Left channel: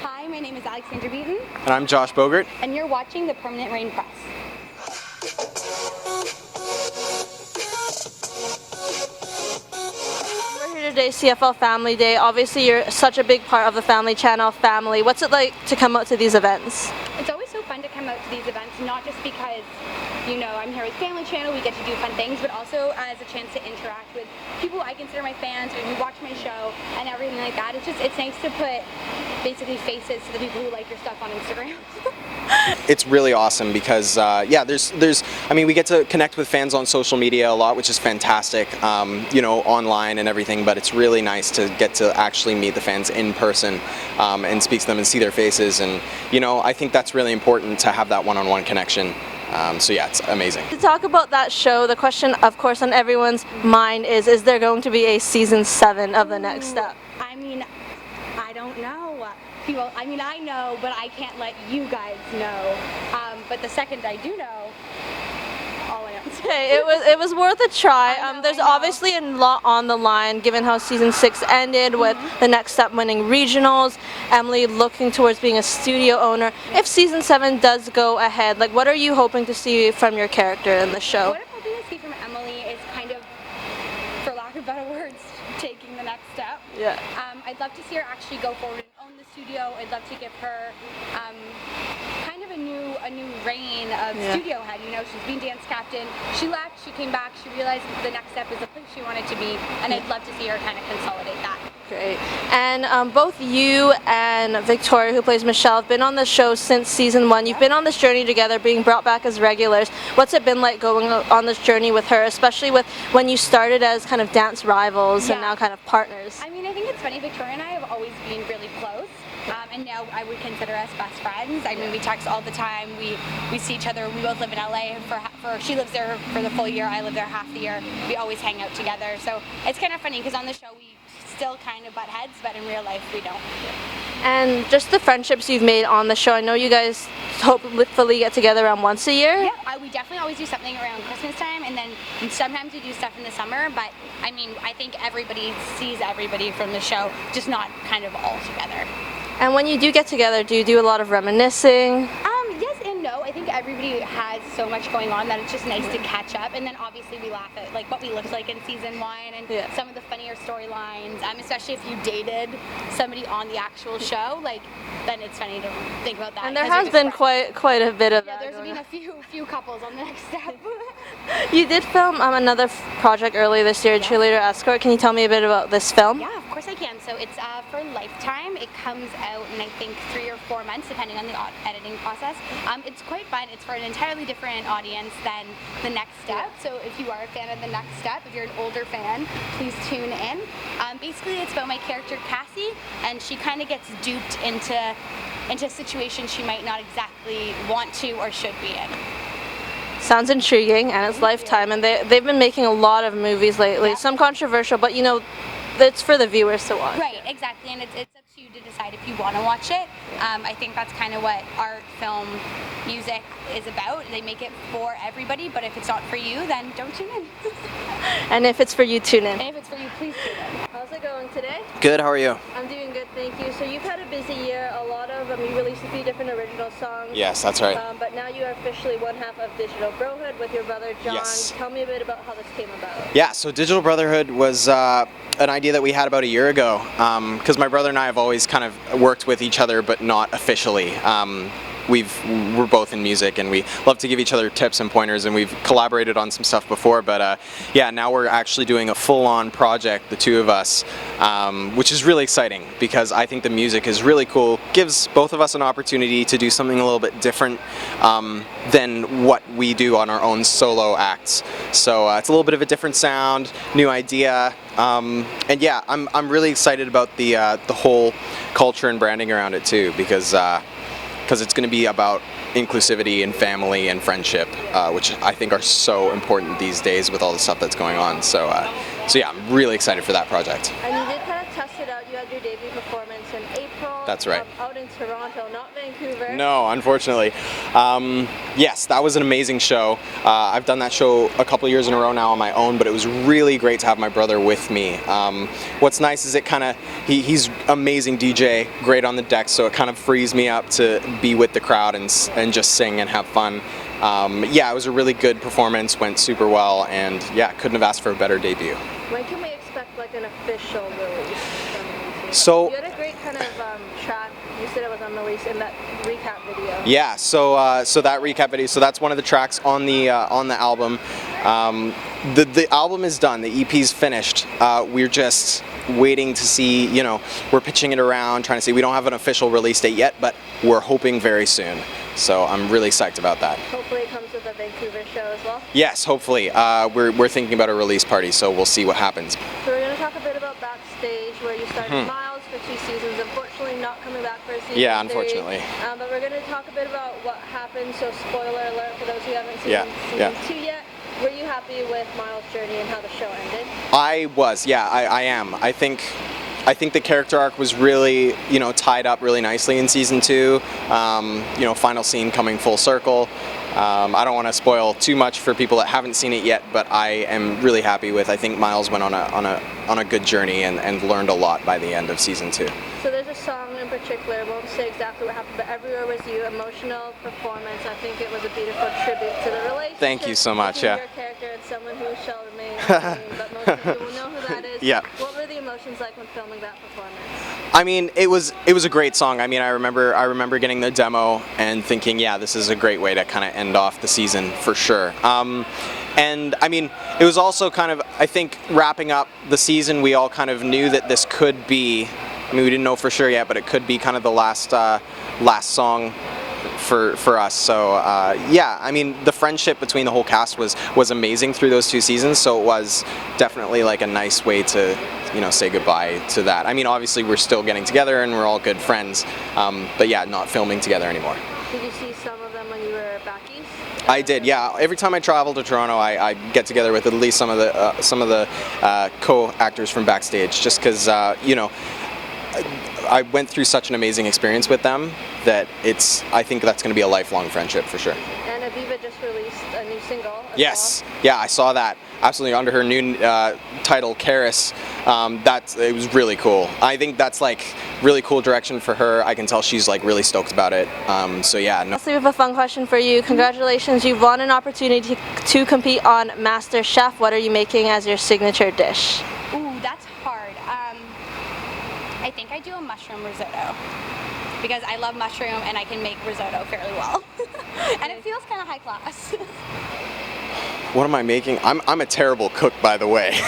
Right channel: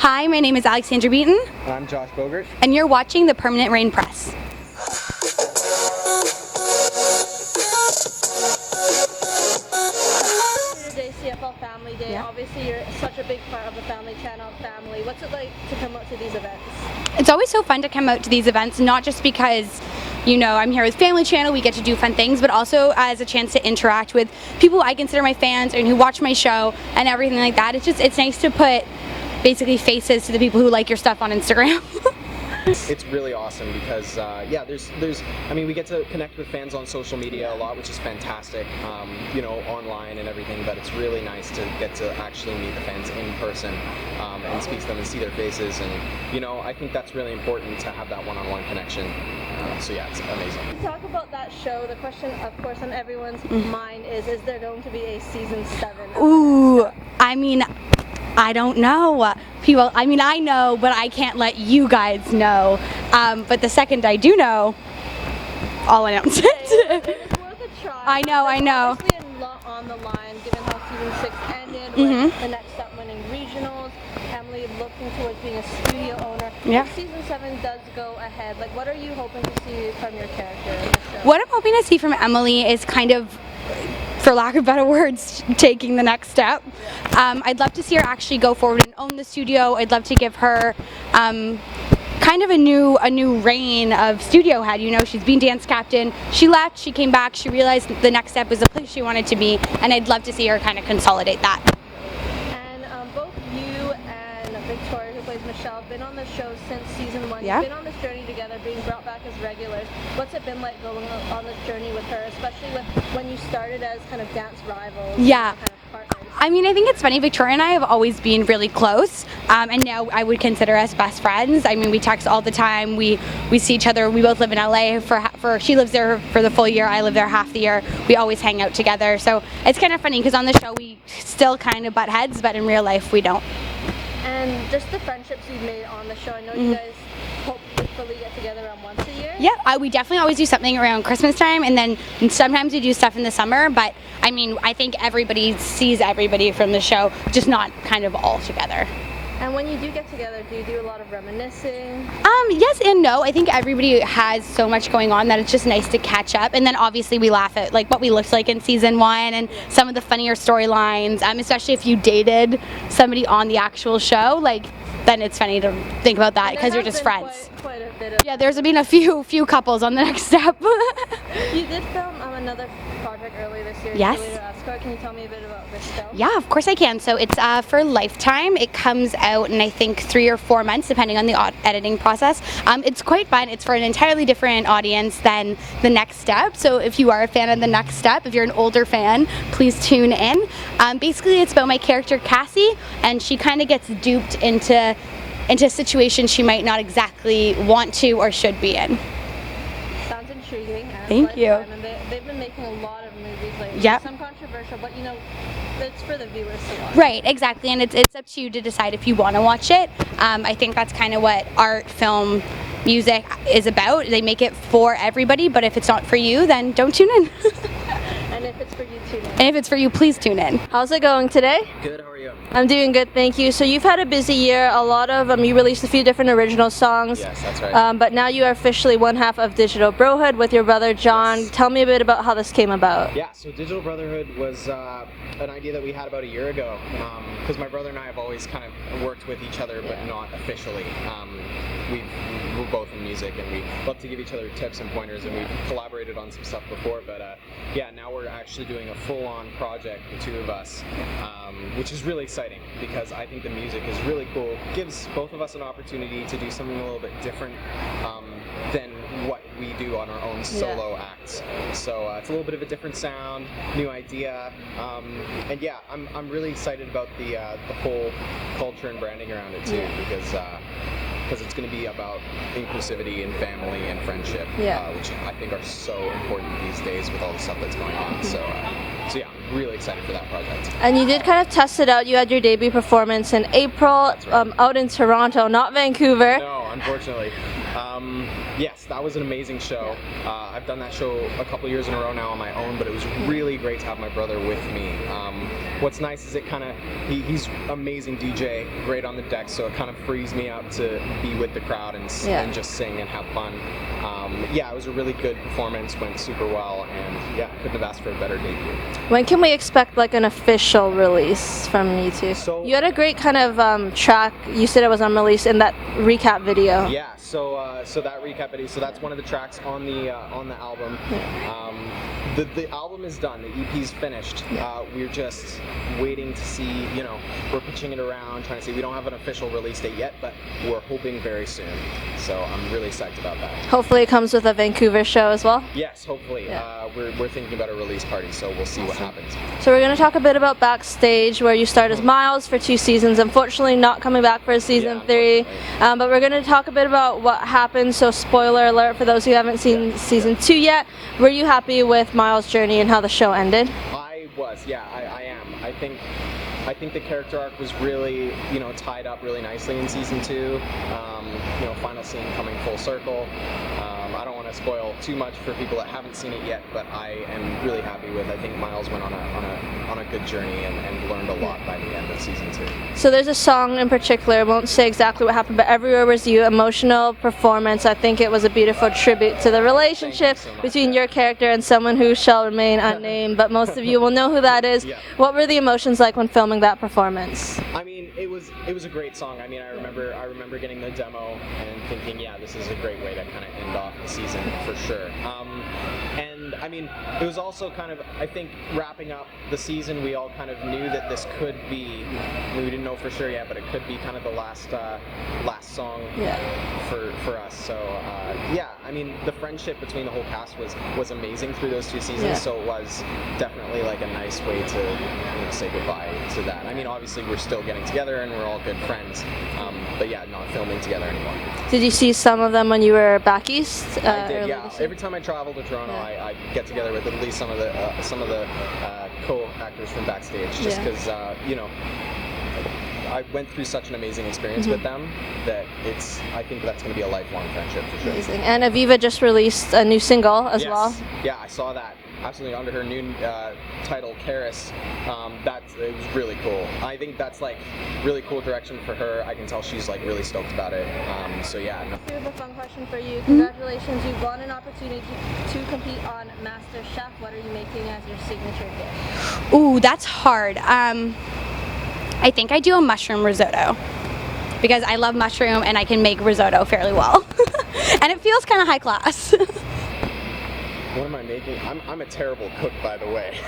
Hi, my name is Alexandra Beaton. And I'm Josh Bogert. And you're watching the Permanent Reign Press. We're here today, CFL Family Day. Obviously, you're such a big part of the Family Channel family. What's it like to come out to these events? It's always so fun to come out to these events, not just because I'm here with Family Channel, we get to do fun things, but also as a chance to interact with people I consider my fans and who watch my show and everything like that. It's nice to put basically faces to the people who like your stuff on Instagram. It's really awesome because we get to connect with fans on social media a lot, which is fantastic, online and everything, but it's really nice to get to actually meet the fans in person and speak to them and see their faces, and I think that's really important to have that one-on-one connection. It's amazing. To talk about that show, the question, of course, on everyone's mind is there going to be a season 7 of The Next Step? I don't know. I know, but I can't let you guys know. But the second I do know, I'll announce it. It was worth a try. I know. There's obviously a lot on the line, given how season 6 ended with The Next Step winning regionals, Emily looking towards being a studio owner. Yep. If season 7 does go ahead, what are you hoping to see from your character in the show? What I'm hoping to see from Emily is kind of, for lack of better words, taking the next step. Yeah. I'd love to see her actually go forward and own the studio. I'd love to give her kind of a new reign of studio head. She's been dance captain. She left, she came back, she realized the next step was the place she wanted to be, and I'd love to see her kind of consolidate that. Great. And both you and Victoria, who plays Michelle, have been on the show since season 1. You've been on this journey together, being brought back as regulars. What's it been like going on this journey with her, especially with when you started as kind of dance rivals and now kind of partners? I think it's funny. Victoria and I have always been really close, and now I would consider us best friends. We text all the time. We see each other. We both live in LA. For she lives there for the full year. I live there half the year. We always hang out together. So it's kind of funny because on the show we still kind of butt heads, but in real life we don't. And just the friendships you've made on the show. I know you guys hopefully get together around once a year. Yeah, we definitely always do something around Christmas time, and then sometimes we do stuff in the summer, but I think everybody sees everybody from the show, just not kind of all together. And when you do get together, do you do a lot of reminiscing? Yes and no. I think everybody has so much going on that it's just nice to catch up. And then obviously we laugh at what we looked like in season 1 and some of the funnier storylines, especially if you dated somebody on the actual show. Then it's funny to think about that because you're just friends. There's been quite a bit of... Yeah, there's been a few couples on The Next Step. You did film another project earlier this year, Cheerleader Escort. Can you tell me a bit about this film? Yeah, of course I can. So it's for Lifetime. It comes out in, I think, 3 or 4 months, depending on the editing process. It's quite fun. It's for an entirely different audience than The Next Step. So if you are a fan of The Next Step, if you're an older fan, please tune in. Basically, it's about my character, Cassie, and she kind of gets duped into situations she might not exactly want to or should be in. Sounds intriguing, and it's Lifetime, and they've been making a lot of movies lately. Some controversial, but it's for the viewers to watch. Right, exactly, and it's up to you to decide if you want to watch it. I think that's kind of what art, film, music is about. They make it for everybody, but if it's not for you, then don't tune in. And if it's for you, tune in. And if it's for you, please tune in. How's it going today? Good, how are you? I'm doing good, thank you. So you've had a busy year. A lot of you released a few different original songs. Yes, that's right. But now you are officially one half of Digital Brohood with your brother John. Yes. Tell me a bit about how this came about. Yeah, so Digital Brotherhood was an idea that we had about a year ago, because my brother and I have always kind of worked with each other, but not officially. We're both in music, and we love to give each other tips and pointers, and we've collaborated on some stuff before, but now we're actually doing a full-on project, the two of us, which is really exciting because I think the music is really cool, gives both of us an opportunity to do something a little bit different than what we do on our own solo acts. So it's a little bit of a different sound, new idea, and yeah, I'm really excited about the whole culture and branding around it too, because it's going to be about inclusivity and family and friendship, which I think are so important these days with all the stuff that's going on. So So yeah, I'm really excited for that project. And you did kind of test it out. You had your debut performance in April. That's right. Out in Toronto, not Vancouver. No, unfortunately. Yes, that was an amazing show. I've done that show a couple years in a row now on my own, but it was really great to have my brother with me. What's nice is he's amazing DJ, great on the deck, so it kind of frees me up to be with the crowd and just sing and have fun. Yeah, it was a really good performance, went super well, and yeah, couldn't have asked for a better debut. When can we expect like an official release from you two? So you had a great kind of track. You said it was unreleased in that recap video. Yeah, so that recap video. So that's one of the tracks on the album. The album is done. The EP's finished. We're just waiting to see. We're pitching it around, trying to see. We don't have an official release date yet, but we're hoping very soon. So I'm really psyched about that. Hopefully it comes with a Vancouver show as well. Yes, hopefully. We're thinking about a release party, so we'll see what happens. So we're going to talk a bit about Backstage, where you started as Miles for 2 seasons. Unfortunately, not coming back for season 3. But we're going to talk a bit about what happened. So spoiler alert for those who haven't seen season 2 yet. Were you happy with Miles' journey and how the show ended? I was. Yeah, I am. I think the character arc was really, tied up really nicely in season 2. Final scene coming full circle. I don't want to spoil too much for people that haven't seen it yet, but I am really happy with. I think Miles went on a good journey and learned a lot by the end of season 2. So there's a song in particular. I won't say exactly what happened, but Everywhere Was You, emotional performance. I think it was a beautiful tribute to the relationship between your character and someone who shall remain unnamed, but most of you will know who that is. Yeah. What were the emotions like when filming that performance? I mean, it was a great song. I mean, I remember getting the demo and thinking, yeah, this is a great way to kind of end off the season for sure. And I mean, it was also kind of, I think, wrapping up the season, we all kind of knew that this could be, I mean, we didn't know for sure yet, but it could be kind of the last song for us. So yeah, I mean, the friendship between the whole cast was amazing through those 2 seasons. So it was definitely like a nice way to, say goodbye to that. I mean, obviously we're still getting together and we're all good friends, but yeah, not filming together anymore. Did you see some of them when you were back east? I did, yeah. Every time I travel to Toronto, I get together with at least some of the co-actors from Backstage, just because I went through such an amazing experience with them that I think that's going to be a lifelong friendship for sure. Amazing. And Aviva just released a new single as well. Yes, yeah, I saw that. Absolutely, under her new title, Karis. It was really cool. I think that's like really cool direction for her. I can tell she's like really stoked about it. So yeah. No. So we have a fun question for you. Congratulations, you've won an opportunity to compete on Master Chef. What are you making as your signature dish? Ooh, that's hard. I think I do a mushroom risotto because I love mushroom and I can make risotto fairly well. And it feels kind of high class. What am I making? I'm a terrible cook, by the way.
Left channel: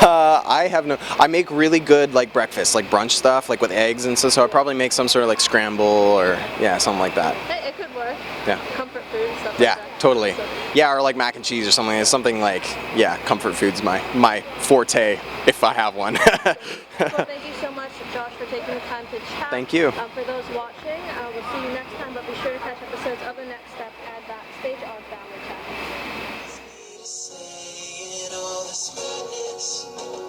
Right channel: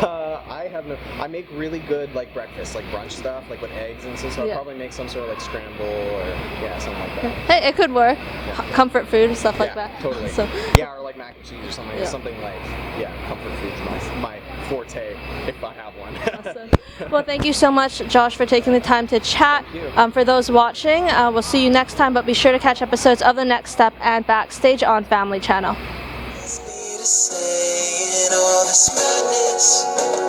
I make really good like breakfast, like brunch stuff, like with eggs and stuff. So I'll probably make some sort of like scramble or something like that. Hey, it could work. Yeah. Comfort food and stuff like that. Yeah, totally. So. Yeah, or like mac and cheese or something. It's something like comfort food's my forte if I have one. Well, thank you so much, Josh, for taking the time to chat. Thank you. For those watching, we'll see you next time, but be sure to catch episodes of The Next Step and Backstage on Family Channel. Saying all this madness.